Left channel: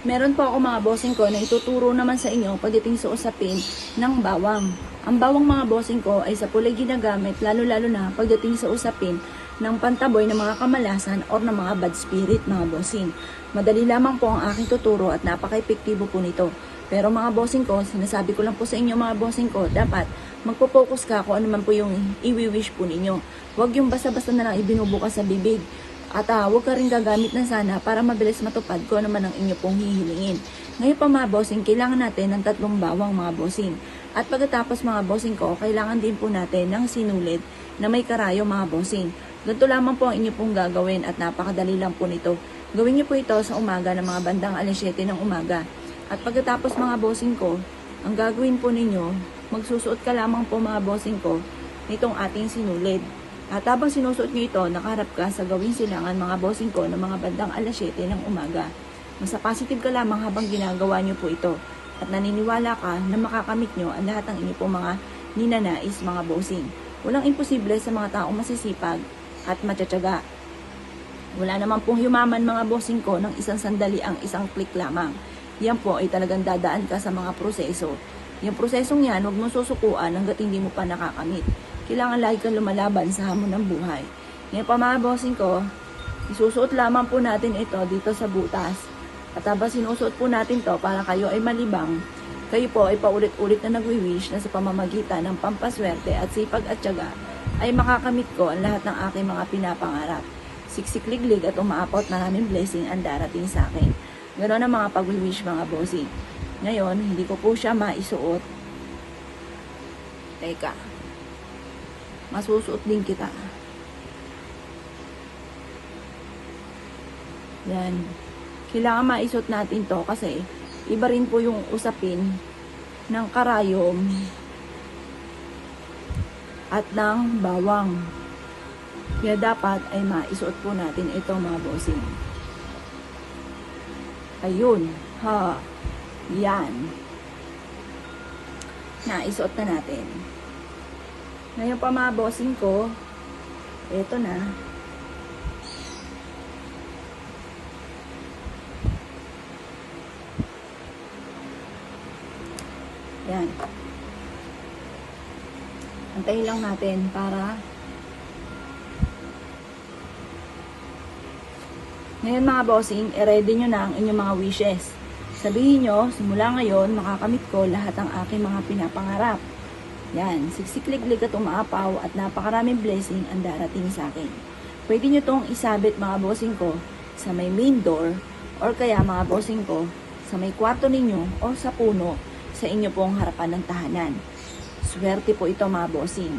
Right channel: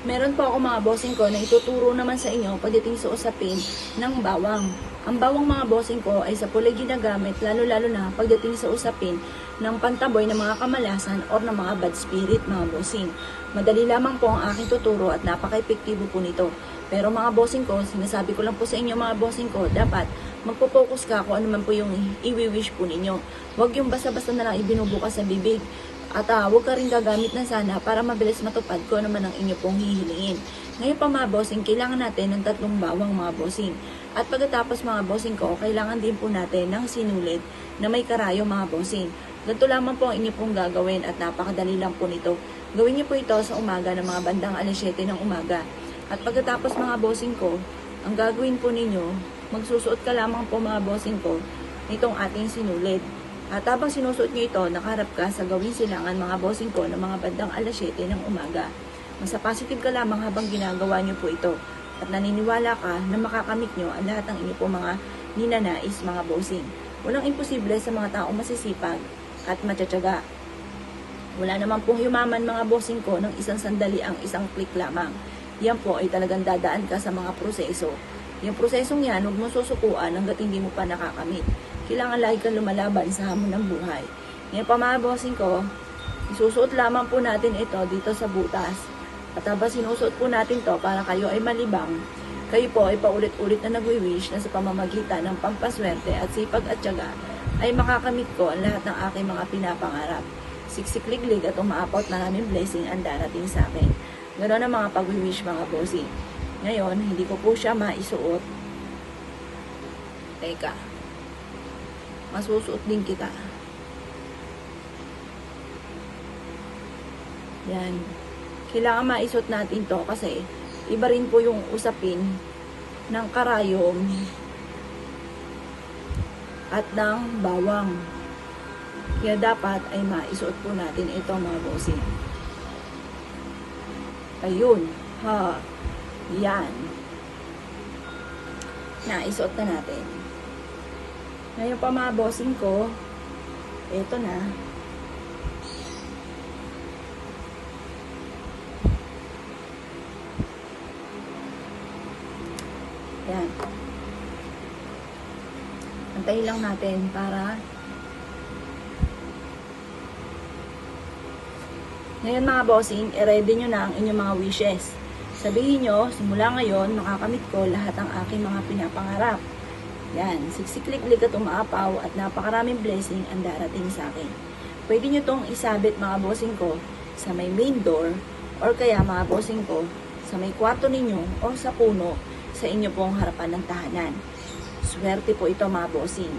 Meron po ako mga bossing ko na ituturo naman sa inyo pagdating sa usapin ng bawang. Ang bawang mga bossing ko ay sa pulay ginagamit lalo-lalo na pagdating sa usapin ng pantaboy ng mga kamalasan o ng mga bad spirit mga bossing. Madali lamang po ang aking tuturo at napaka-epektibo po nito. Pero mga bossing ko, sinasabi ko lang po sa inyo mga bossing ko, dapat magpo-focus ka kung ano man po yung i-wish po ninyo. Huwag yung basta-basta na lang ibinubukas sa bibig. At huwag ka rin gagamit na sana para mabilis matupad kung ano man ang inyo pong hihiliin. Ngayon pa mga bossing, kailangan natin ng 3 bawang mga bossing. At pagkatapos mga bossing ko, kailangan din po natin ng sinulid na may karayo mga bossing. Ganito lamang po ang inyo pong gagawin at napakadali lang po nito. Gawin niyo po ito sa umaga ng mga bandang alas 7 ng umaga. At pagkatapos mga bossing ko, ang gagawin po ninyo, magsusuot ka lamang po mga bossing ko nitong ating sinulid. At habang sinusuot nyo ito, nakaharap ka sa gawing silangan mga bossing ko ng mga bandang alas 7 ng umaga. Nasa positive ka lamang habang ginagawa nyo po ito. At naniniwala ka na makakamit nyo ang lahat ng inyo pong mga ninanais mga bossing. Walang imposible sa mga taong masisipag at matyatsyaga. Wala naman pong yumaman mga bossing ko ng isang sandali ang isang click lamang. Yan po ay talagang dadaan ka sa mga proseso. Yung prosesong yan, huwag mo susukuan hanggat hindi mo pa nakakamit. Kailangan lagi kang lumalaban sa hamon ng buhay. Ngayon pa mga bossing ko, isusuot lamang po natin ito dito sa butas. At habang sinusuot po natin to para kayo ay malibang, kayo po ay paulit-ulit na nagwi-wish na sa pamamagitan ng pampaswerte at sipag at tiyaga ay makakamit ko ang lahat ng aking mga pinapangarap. Siksikliglig at umaapot maraming blessing ang darating sa akin. Ganoon ang mga pag-wish mga bossing. Ngayon, hindi ko po siya maisuot. Teka. Masusuot din kita. Yan. Kailangan maisuot natin to kasi iba rin po yung usapin ng karayom at ng bawang. Kaya dapat ay maisuot po natin ito mga bossing. Ayun. Ha. Yan. Naisuot na natin. Ngayon pa mga bossing ko, eto na. Yan. Antayin lang natin para ngayon mga bossing, i-ready nyo na ang inyong mga wishes. Sabihin nyo, simula ngayon, makakamit ko lahat ng aking mga pinapangarap. Yan, siksikliglig at umaapaw at napakaraming blessing ang darating sa akin. Pwede nyo itong isabit mga bossing ko sa may main door or kaya mga bossing ko sa may kwarto ninyo o sa puno sa inyo pong harapan ng tahanan. Swerte po ito mga bossing.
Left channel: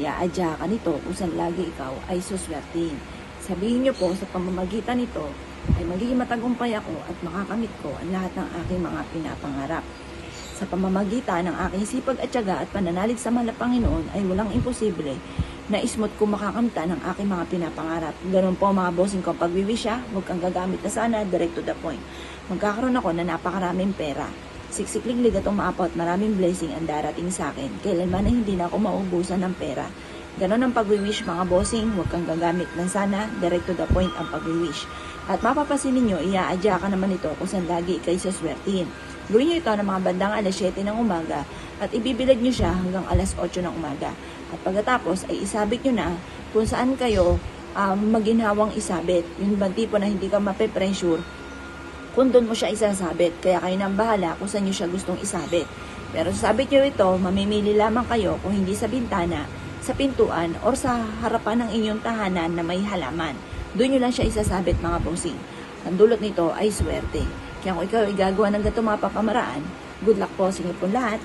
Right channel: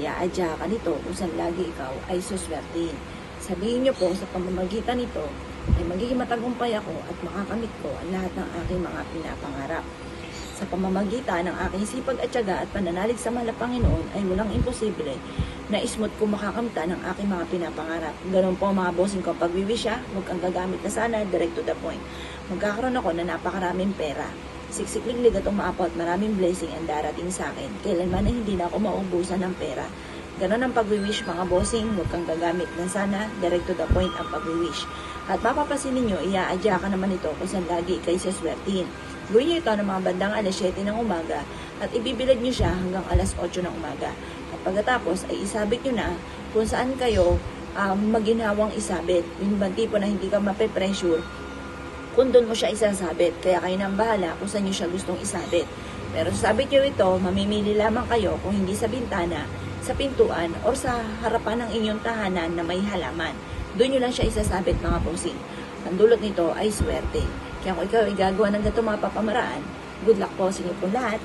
Iaadya ka nito kung saan lagi ikaw ay suswertein. Sabihin nyo po sa pamamagitan nito ay magiging matagumpay ako at makakamit ko ang lahat ng aking mga pinapangarap. Sa pamamagitan ng aking sipag at tiyaga at pananalig sa mahal na Panginoon ay walang imposible na smooth ko makakamta ng aking mga pinapangarap. Ganun po mga bossing ko pag-wish huwag kang gagamit na sana, direct to the point. Magkakaroon ako na napakaraming pera. Siksikliglig at umaapot, maraming blessing ang darating sa akin. Kailanman ay hindi na ako maubusan ng pera. Ganon ang pag-wish mga bossing, huwag kang gagamit ng sana, direct to the point ang pag-wish. At mapapasin ninyo, iaadya ka naman ito kung saan lagi kayo saswertin. Gawin nyo ito ng mga bandang alas 7 ng umaga at ibibilad nyo siya hanggang alas 8 ng umaga. At pagkatapos ay isabit nyo na kung saan kayo maginhawang isabit. Yung ibang tipo na hindi ka mape-pressure, kung doon mo siya isasabit. Kaya kayo nang bahala kung saan nyo siya gustong isabit. Pero sabit nyo ito, mamimili lamang kayo kung hindi sa bintana, sa pintuan, o sa harapan ng inyong tahanan na may halaman. Doon nyo lang siya isasabit mga bossing. Ang dulot nito ay swerte. Kaya kung ikaw ay gagawa ng ganito mga papamaraan, good luck po sa inyo po lahat.